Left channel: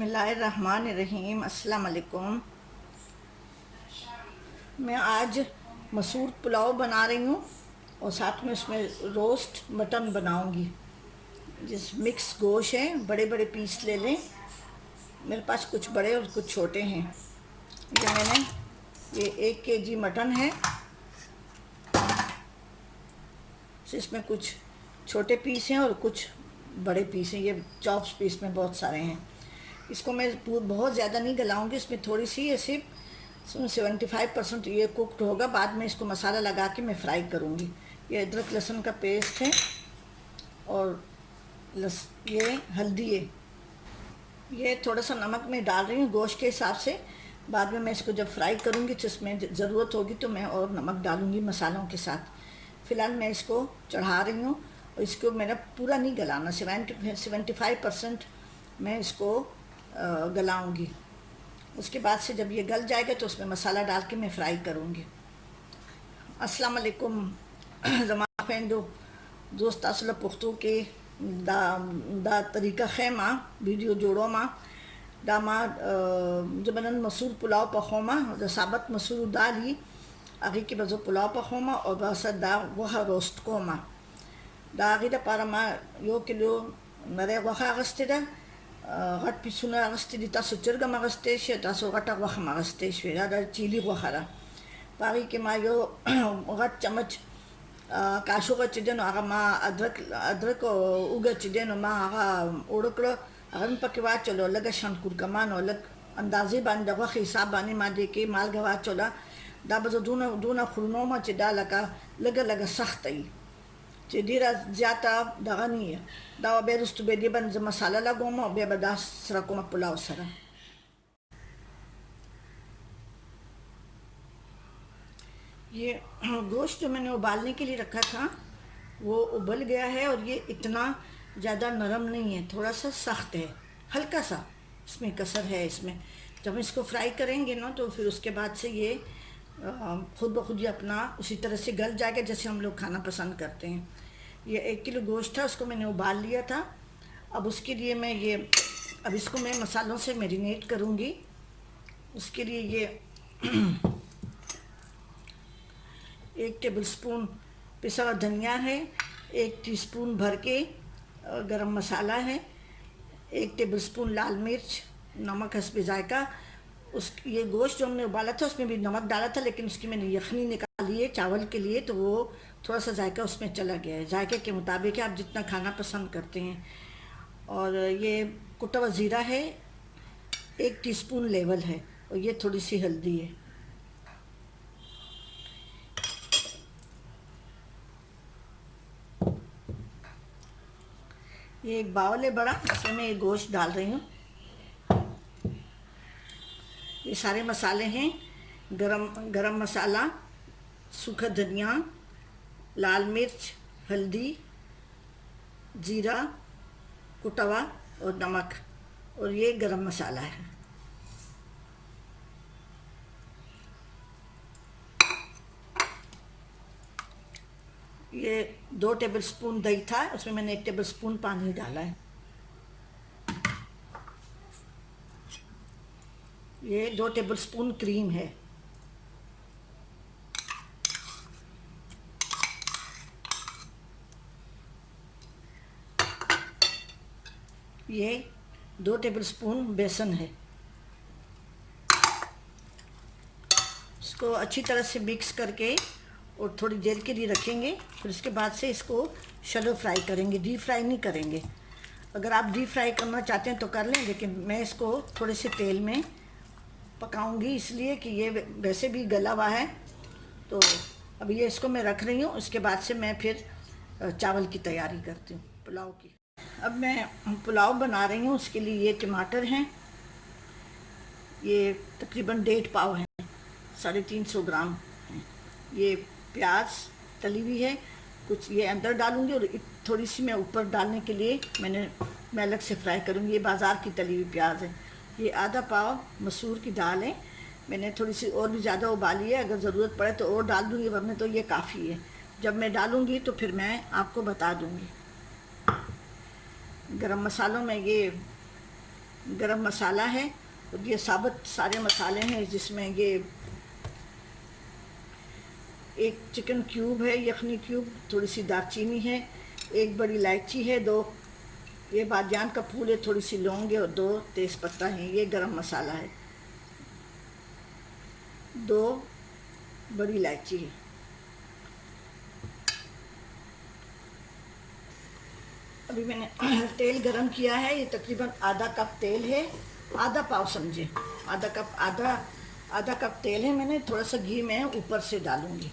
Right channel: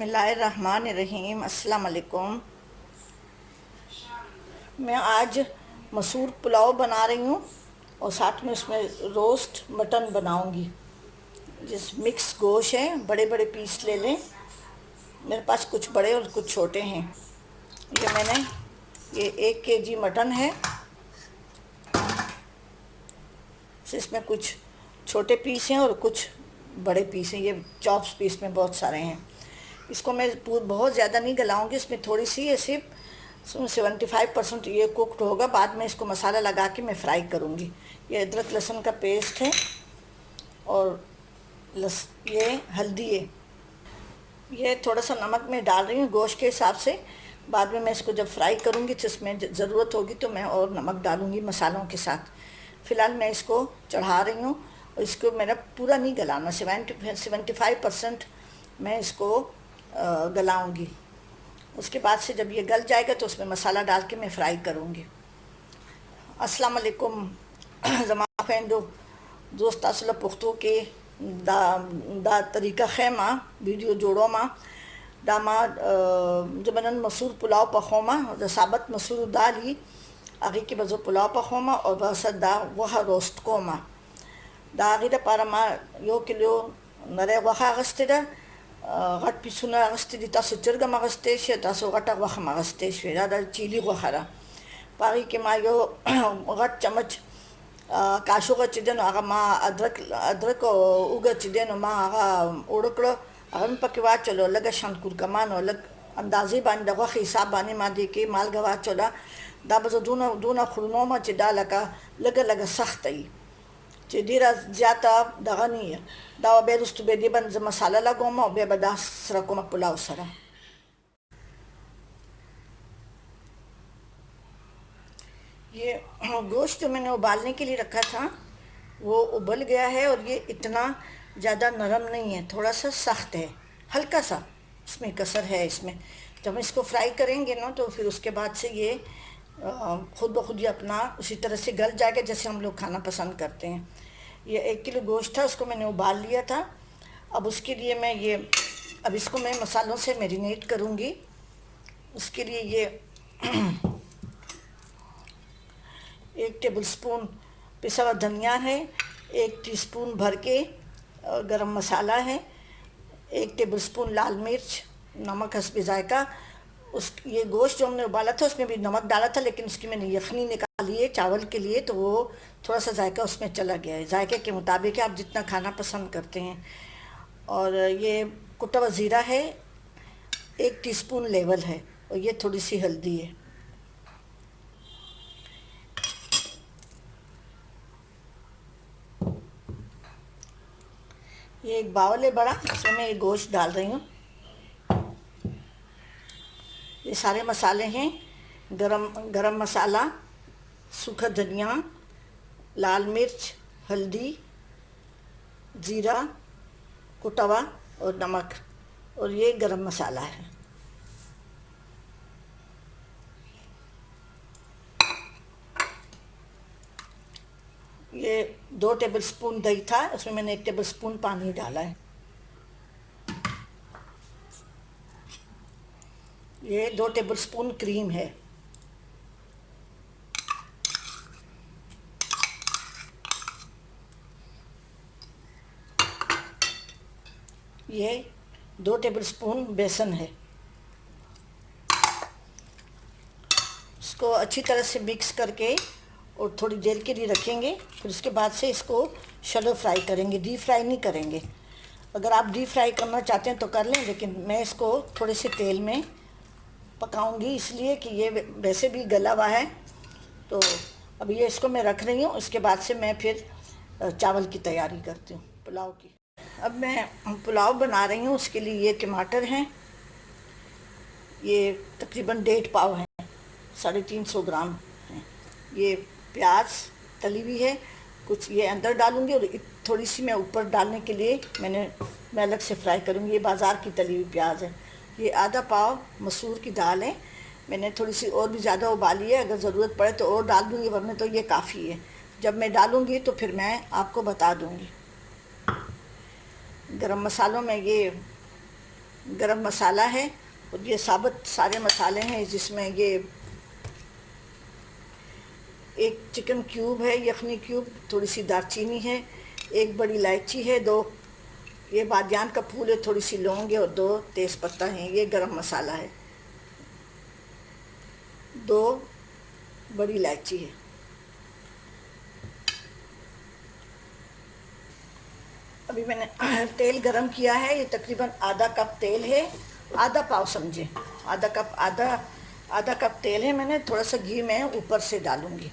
बिस्मिल्लाहिर्रहमानिर्रहीम। अस्सलाम वालेकुम। मैं आज मसूर पुलाव बना रही हूँ और साथ में उसमें रोस्ट मटन बनाऊँगी। जिस मिक्स गोश्त है, बड़े बड़े पीस ले लें। मेरे पास कुछ बड़े और कुछ छोटे हैं। ये 1 केजी मटन है। इसमें कुछ छोटे पीस हैं और कुछ बड़े पीस हैं। ये चॉप्स पीस में बहुत सारे हैं। इसको मैं बहुत ज़्यादा नहीं गलाऊंगी, इसमें थोड़ी सी ये सिर्फ 75% ये कुक्ड होगा। बाद में इसको मसाला लगा के मैं फ्राई करूँगी। ये अदरक लहसुन का पेस्ट है और ये हल्दी है। ये थोड़ा सा नमक मैं डाल रही हूँ गोश्त के हिसाब से। बाद में मैं इसको जब फ्राई करूँगी तो इसमें ज़रूरत होगी तो मैं और नमक डालूँगी मसालों के साथ। फ़िलहाल मैं इसको चढ़ा रही हूँ और इसको मेरा पूरा नहीं गलाना, 75% मैं इसको गलाऊँगी। उसके बाद से जब ये गल जाएगा तो उसमें मसाला डाल के मैं फ्राई करूँगी। अस्सलाम वालेकुम ज़माफ़ेंदो दोस्त असला पुख्तो के दा तरीका खैमा वीडियो जोड़ो माँ दामा जबनन मसूर पुलाव पखोमा साबत मसूर दाली आगे की बजो पुलाव पखोमा और बस दा वह रोस्ट कोमा दा आगे दा पारमा यो किलो नरे वह अगस्तेदा गट पिसुना अगस्तेदी तासो चरगम अगस्तेश तासो गटा वह मगस्तेश वेरा दा चीली वहरा पागी के मा यो गट चमच काशो का चिदन आगा मा अदरक उगा चिदन मा आगा उड़कड़ो अगम पकवा चलो लगा शंकुर कमान अलग अंदाजे बान दवा हिसाब बाने मा दे के माल गवा चला दा बजो दूना खुरनो मा चिदा लगा सख्त आई चिदीरा ज्यादा दगा नहीं है दा बेरुस्त बेदे बन मसाला लगो मा बे बदास रको मा पुलाव सरा। ये गोश्त जो मैंने उबालने के लिए रखा था वो उबल गया है और ये इतना ज़्यादा नरम नहीं है, थोड़ा सा सख्त है, हल्का सा इसमें कसर है। इसमें जब हम इसको फ्राई करेंगे ना तो फिर उसके बाद से ये खुद ब खुद ही अपना उसी तरह से गल जाएगा जैसे हम लोग खाना पसंद करते हैं। ये 1 किलो गोश्त था, उसको मैंने उबाल लिया था। अब उसके लिए अब इसको मैं मसालों से मैरिनेट करूँगी। उसके लिए ये 1 टेबल स्पून पिसा हुआ धनिया है, 1 टीस्पून भर के गरम मसाला है, 1 टेबल स्पून लाल मिर्च, नमक हस्बे जायका। ये गोश्त जो हमने उबाला था उसमें भी नमक डाला था, लेकिन उसकी मैंने यखनी निकाली है चावल के लिए तो वो थोड़ा सा जायका उसमें चला गया है। जायके के मुताबिक आप जितना खाना पसंद करते हैं। और ये कुटा हुआ ज़ीरा है, 1 टीस्पून लेवल है और ये थोड़ी सी हल्दी है। ये एक बाउल है बड़ा, इसमें मैं ये गोश्त डाल रही हूँ। ये सारे मसाले हैं, गरम मसाला, सूखा धनिया, लाल मिर्च, हल्दी, ज़ीरा कुटा हुआ और नमक, और ये गरम मसाला है। ये 2 टेबल स्पून दही था, उसमें मैंने 1 टेबल स्पून पानी डाला है। ये 2 टेबल स्पून क्रीम है। ये 2 टेबल स्पून बेसन है। इसको अच्छी तरह से मिक्स करके और थोड़ी देर के लिए रखेंगे। फिर उसके बाद से इसको शैलो फ्राई करेंगे, डीप फ्राई नहीं करेंगे। अगर आप डीप फ्राई करना चाहते हैं तो कर लें, लेकिन मैं इसको थोड़े से तेल में पकाऊंगी इसलिए कि ये वैसे भी गला हुआ है। तो अब ये इसको मैं रख रही हूँ, उसके बाद से मैं फिर चावल की तैयारी करती हूँ पुलाव की। अब मैं पुलाव बना रही हूँ, उसके लिए ये टमाटर हैं, ये तकरीबन 1.5 पाव हैं, 350 ग्राम हैं। ये प्याज तली हुई है, कुछ ये अंदर डालूंगी और थोड़ी सी मैं ऊपर डालने के लिए मैं अलग से फ्राई करूँगी। ये बाज़ार की तली हुई प्याज है। ये आधा पाव मसूर की दाल है, मैंने थोड़ी सी और भी ज़्यादा उबाली है, अगर ज़रूरत पड़े तो और डाल दूँगी, वरना तो ये काफ़ी है। जब मैं डालूँगी तो फिर मैं आपको बता दूँगी। गरम मसालों में ये गरम मसाला है और ये साबुत सारे मसाले हैं, जिसमें ये एक चिकन क्यूब है, यखनी क्यूब, थोड़ी सी दालचीनी है, एक बड़ी इलायची है, 2 ये बादियान का फूल है, थोड़ी सी लौंग है और 2 तेज़ पत्ता है। ये गरम मसाला है, 2 बड़ी इलायची है। अभी मैंने तेल गरम किया है, ये तकरीबन आधा कप तेल है, आधा पाव समझे, आधा कप तेल है। मैंने थोड़ा सा घी मैं ऊपर से डालूंगी।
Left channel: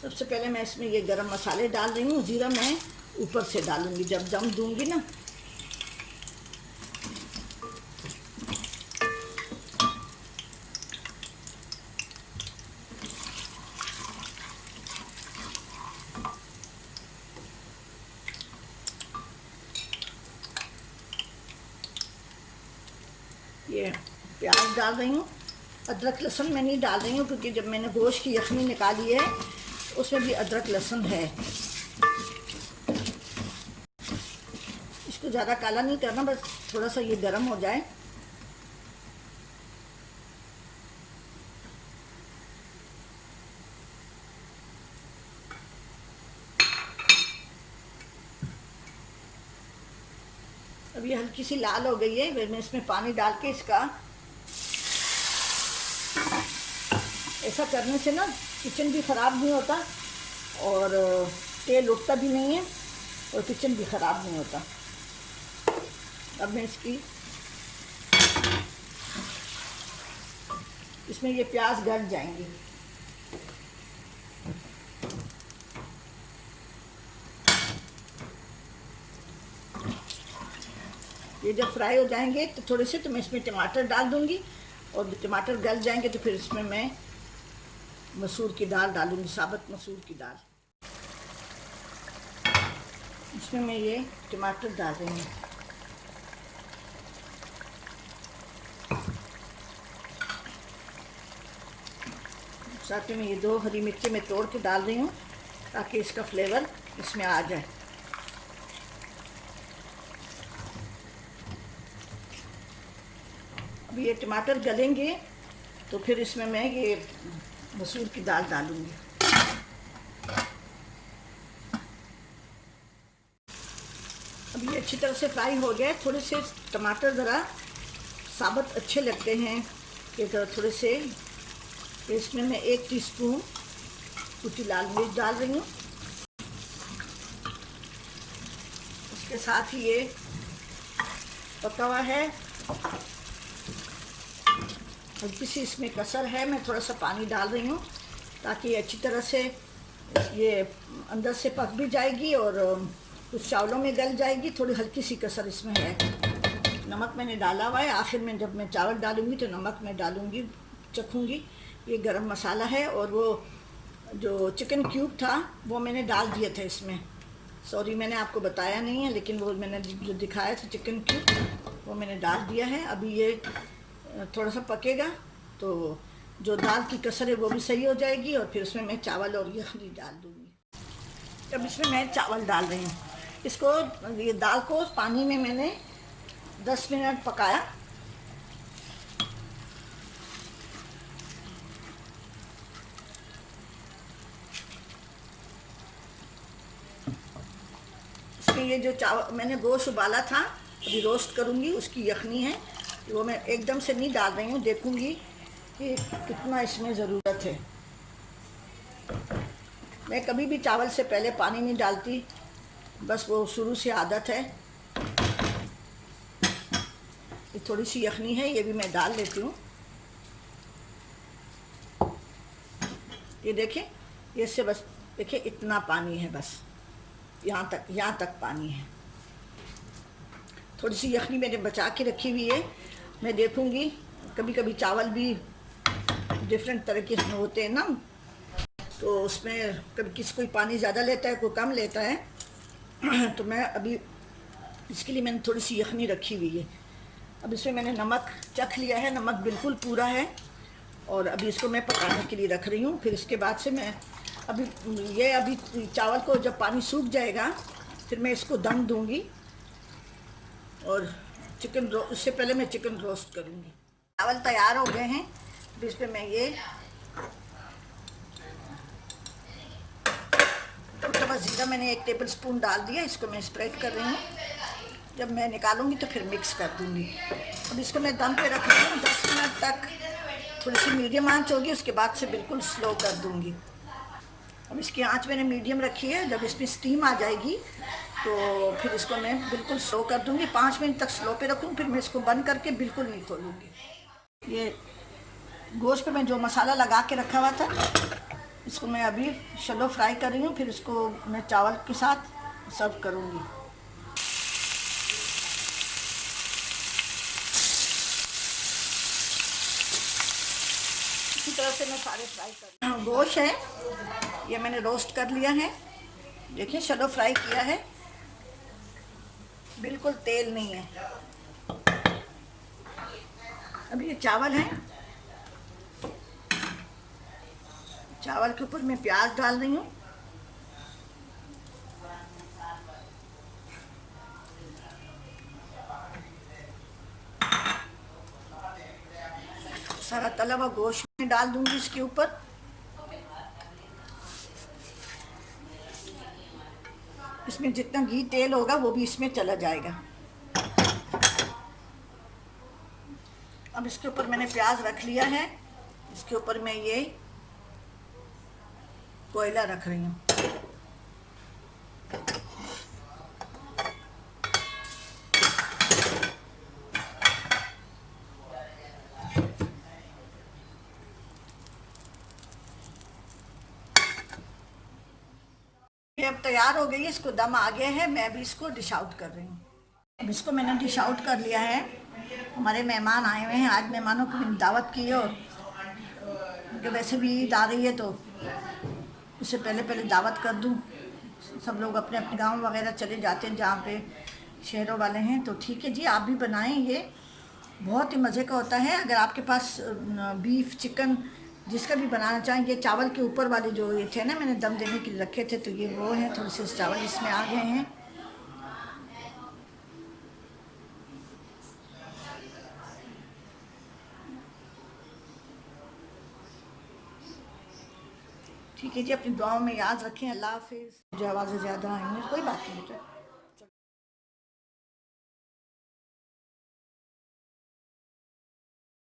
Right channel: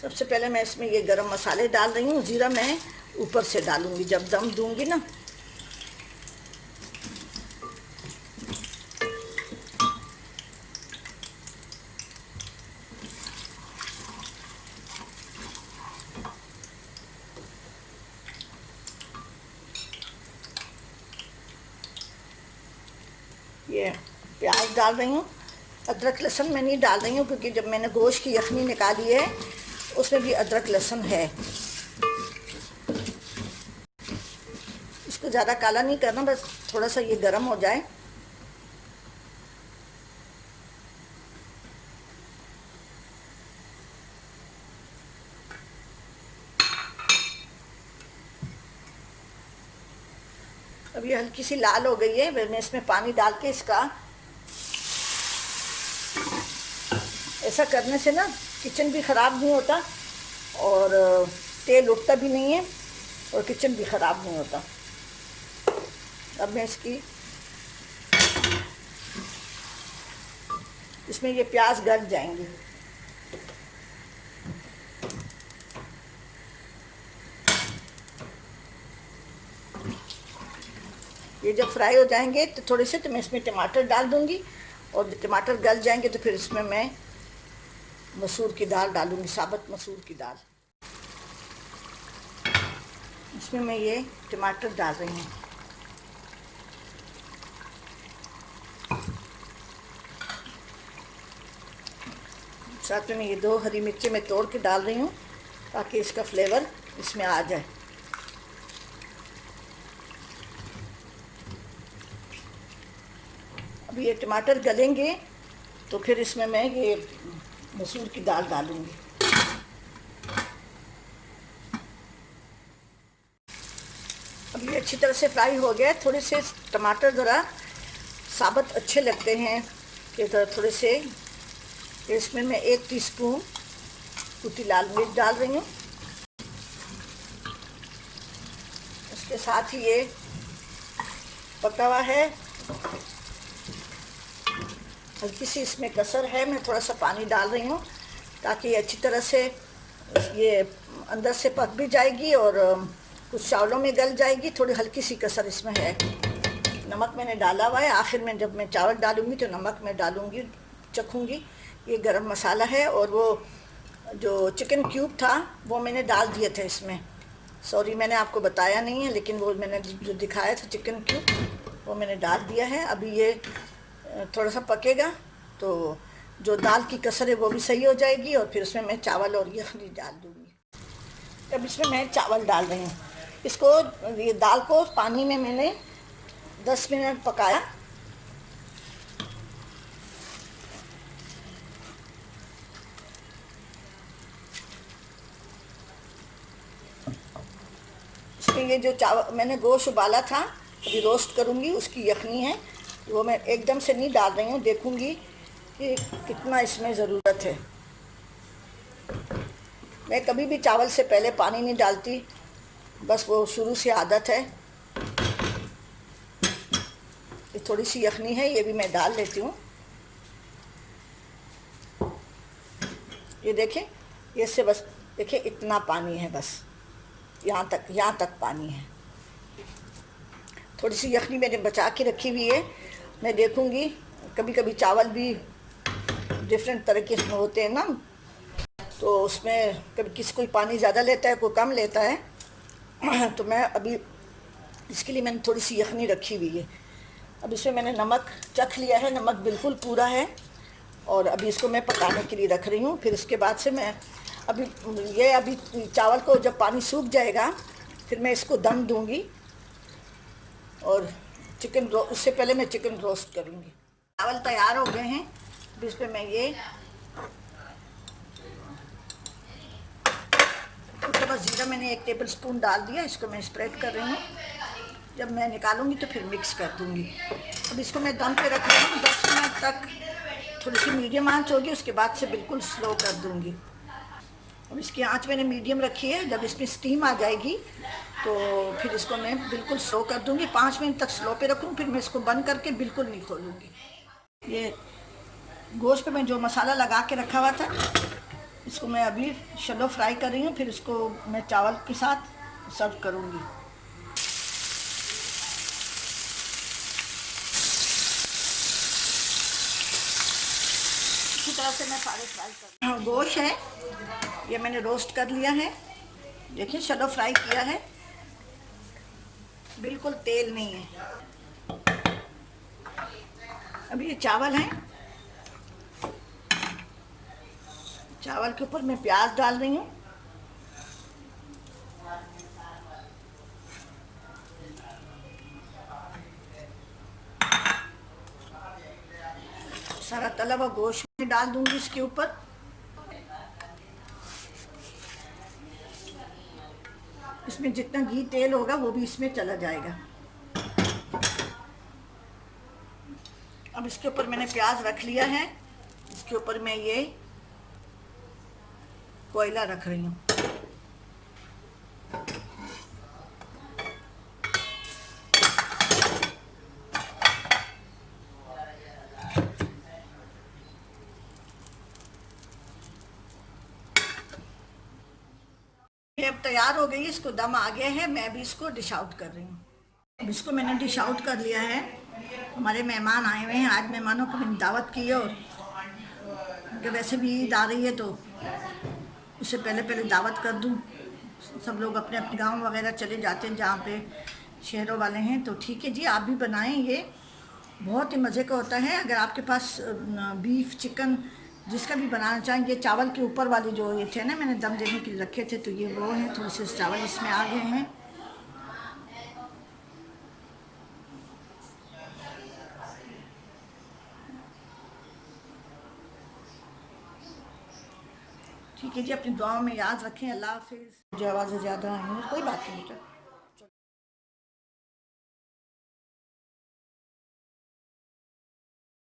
सबसे पहले मैं इसमें ये गरम मसाले डाल रही हूँ, ज़ीरा मैं ऊपर से डालूंगी जब दम दूंगी ना। ये प्याज डाल रही हूँ, अदरक लहसुन मैं नहीं डाल रही हूँ क्योंकि जब मैंने गोश्त की यखनी निकाली है उसमें भी अदरक लहसुन है। इसको ज़्यादा काला नहीं करना, बस थोड़ा सा ये गर्म हो जाए। अब ये हल्की सी लाल हो गई है, मैं इसमें पानी डाल के इसका, ऐसा करने से ना किचन भी ख़राब नहीं होता और तेल उठता भी नहीं है और किचन भी ख़राब नहीं होता। अब मैं इसमें ये प्याज गल जाएंगे। ये जब फ्राई हो जाएंगे तो थोड़े से, तो मैं इसमें टमाटर डाल दूंगी और जब टमाटर गल जाएंगे तो फिर इसमें मैं मसूर की दाल डालूंगी, साबुत मसूर की दाल। इसमें मैं ये टमाटर डाल रही हूँ। साथ में ये 2 हरी मिर्ची मैं तोड़ के डाल रही हूँ ताकि इसका फ्लेवर इसमें आ जाए। अब ये टमाटर गलेंगे तो फिर इसमें मैं ये मसूर की दाल डालूंगी। अब ये अच्छी तरह से फ्राई हो गया। थोड़े से टमाटर ज़रा साबुत अच्छे लगते हैं कि थोड़े से, इसमें मैं 1 टीस्पून कुटी लाल मिर्च डाल रही हूँ। उसके साथ ही ये पका हुआ है, हल्की सी इसमें कसर है, मैं थोड़ा सा पानी डाल रही हूँ ताकि अच्छी तरह से ये अंदर से पक भी जाएगी और कुछ चावलों में गल जाएगी। थोड़ी हल्की सी कसर इसमें है। नमक मैंने डाला हुआ है, आखिर में जब मैं चावल डालूँगी तो नमक मैं डालूँगी, चखूँगी। ये गरम मसाला है और वो जो चिकन क्यूब था वो मैंने डाल दिए थे इसमें। सॉरी मैंने आपको बताया नहीं है, लेकिन वो मैंने जो दिखाया था चिकन क्यूब वो मैंने डाल दिया है। अभी ये थोड़ा सा पकेगा तो जो दाल की कसर है वो भी सही हो जाएगी और फिर उसमें मैं चावल और यखनी डाल दूँगी। अब इसमें मैं चावल डाल रही हूँ। इसको, ये दाल को पानी में मैंने 10 मिनट पकाया। इसमें ये जो चावल मैंने गोश्त उबाला था अभी रोस्ट करूँगी, उसकी यखनी है वो मैं एकदम से नहीं डाल रही हूँ, देखूँगी कि कितना इसमें ज़रूरत है। मैं कभी भी चावल से पहले पानी नहीं डालती, बस वो शुरू से आदत है। ये थोड़ी सी यखनी है, ये भी मैं डाल लेती हूँ। ये देखें, ये से बस देखिए इतना पानी है, बस यहाँ तक पानी है। थोड़ी सी यखनी मैंने बचा के रखी हुई है, मैं देखूँगी। कभी कभी चावल भी डिफरेंट तरह के इसमें होते हैं ना, तो उसमें कभी कोई पानी ज़्यादा लेता है, कोई कम लेता है। तो मैं अभी इसके लिए मैंने थोड़ी सी यखनी रखी हुई है। अब इसमें मैंने नमक चख लिया है, नमक बिल्कुल पूरा है और अभी इसको मैं पकाने के लिए रख रही हूँ। फिर उसके बाद से मैं अभी अभी चावल को जब पानी सूख जाएगा फिर मैं इसको दम दूंगी, और उससे पहले मैं चिकन रोस्ट करूंगी। चावल तैयार हो गए हैं, अब इस पे मैं ये कुटा हुआ ज़ीरा मैंने 1 टेबल स्पून डाल दिया, इसको मैं स्प्रेड कर रही हूँ। जब मैं निकालूंगी तो फिर मिक्स कर दूंगी। अब इसको मैं दम पे रख रही हूँ 10 मिनट तक। थोड़ी सी मीडियम आंच होगी, उसके बाद से बिल्कुल स्लो कर दूंगी। अब इसकी आंच मैंने मीडियम रखी है। जब इसमें स्टीम आ जाएगी तो फिर इसको मैं बिल्कुल स्लो कर दूंगी। 5 मिनट तक स्लो पे रखूँ, फिर मैं इसको बंद करके बिल्कुल नहीं खोलूँगी। ये गोश्त पे मैं जो मसाला लगा के रखा हुआ था, इसको मैं अभी शैलो फ्राई कर रही हूँ, फिर इसको मैं चावल के साथ सर्व करूँगी। इसी तरह से मैं सारे फ्राई कर गोश्त है ये मैंने रोस्ट कर लिया है। देखिए शैलो फ्राई किया है, बिल्कुल तेल नहीं है। अभी ये चावल हैं, चावल के ऊपर मैं प्याज डाल रही हूँ। सारा तला हुआ गोश्त में डाल दूंगी इसके ऊपर। इसमें जितना घी तेल होगा वो भी इसमें चला जाएगा। अब इसके ऊपर मैंने प्याज रख लिया है, इसके ऊपर मैं ये कोयला रख रही हूँ। ये अब तैयार हो गई है, इसको दम आ गया है। मैं अभी इसको डिश आउट कर रही हूँ। अब इसको मैंने डिश आउट कर लिया है। हमारे मेहमान आए हुए हैं, आज मेहमानों को मैंने दावत की है, और उनके वैसे भी ईद आ रही है तो उससे पहले पहले दावत कर दूँ। सब लोग अपने अपने गांव वगैरह चले जाते हैं जहाँ पे शहरों वाले हैं। तो ठीक है जी, आप भी बनाएं, ये बहुत ही मज़े का होता है। अगर आपके पास बीफ चिकन जिसका भी बनाना चाहें। ये चावल के ऊपर वाले जो ये थे ना, मैंने दम देने के लिए रखे थे, तो ये वो हैं। थोड़े से चावल इसमें आ गए हैं। ठीक है जी, अपनी दुआओं में याद रखें। अल्लाह हाफिज़। जो आवाज़ें ज़्यादा आएंगी कोई बात नहीं बेटा।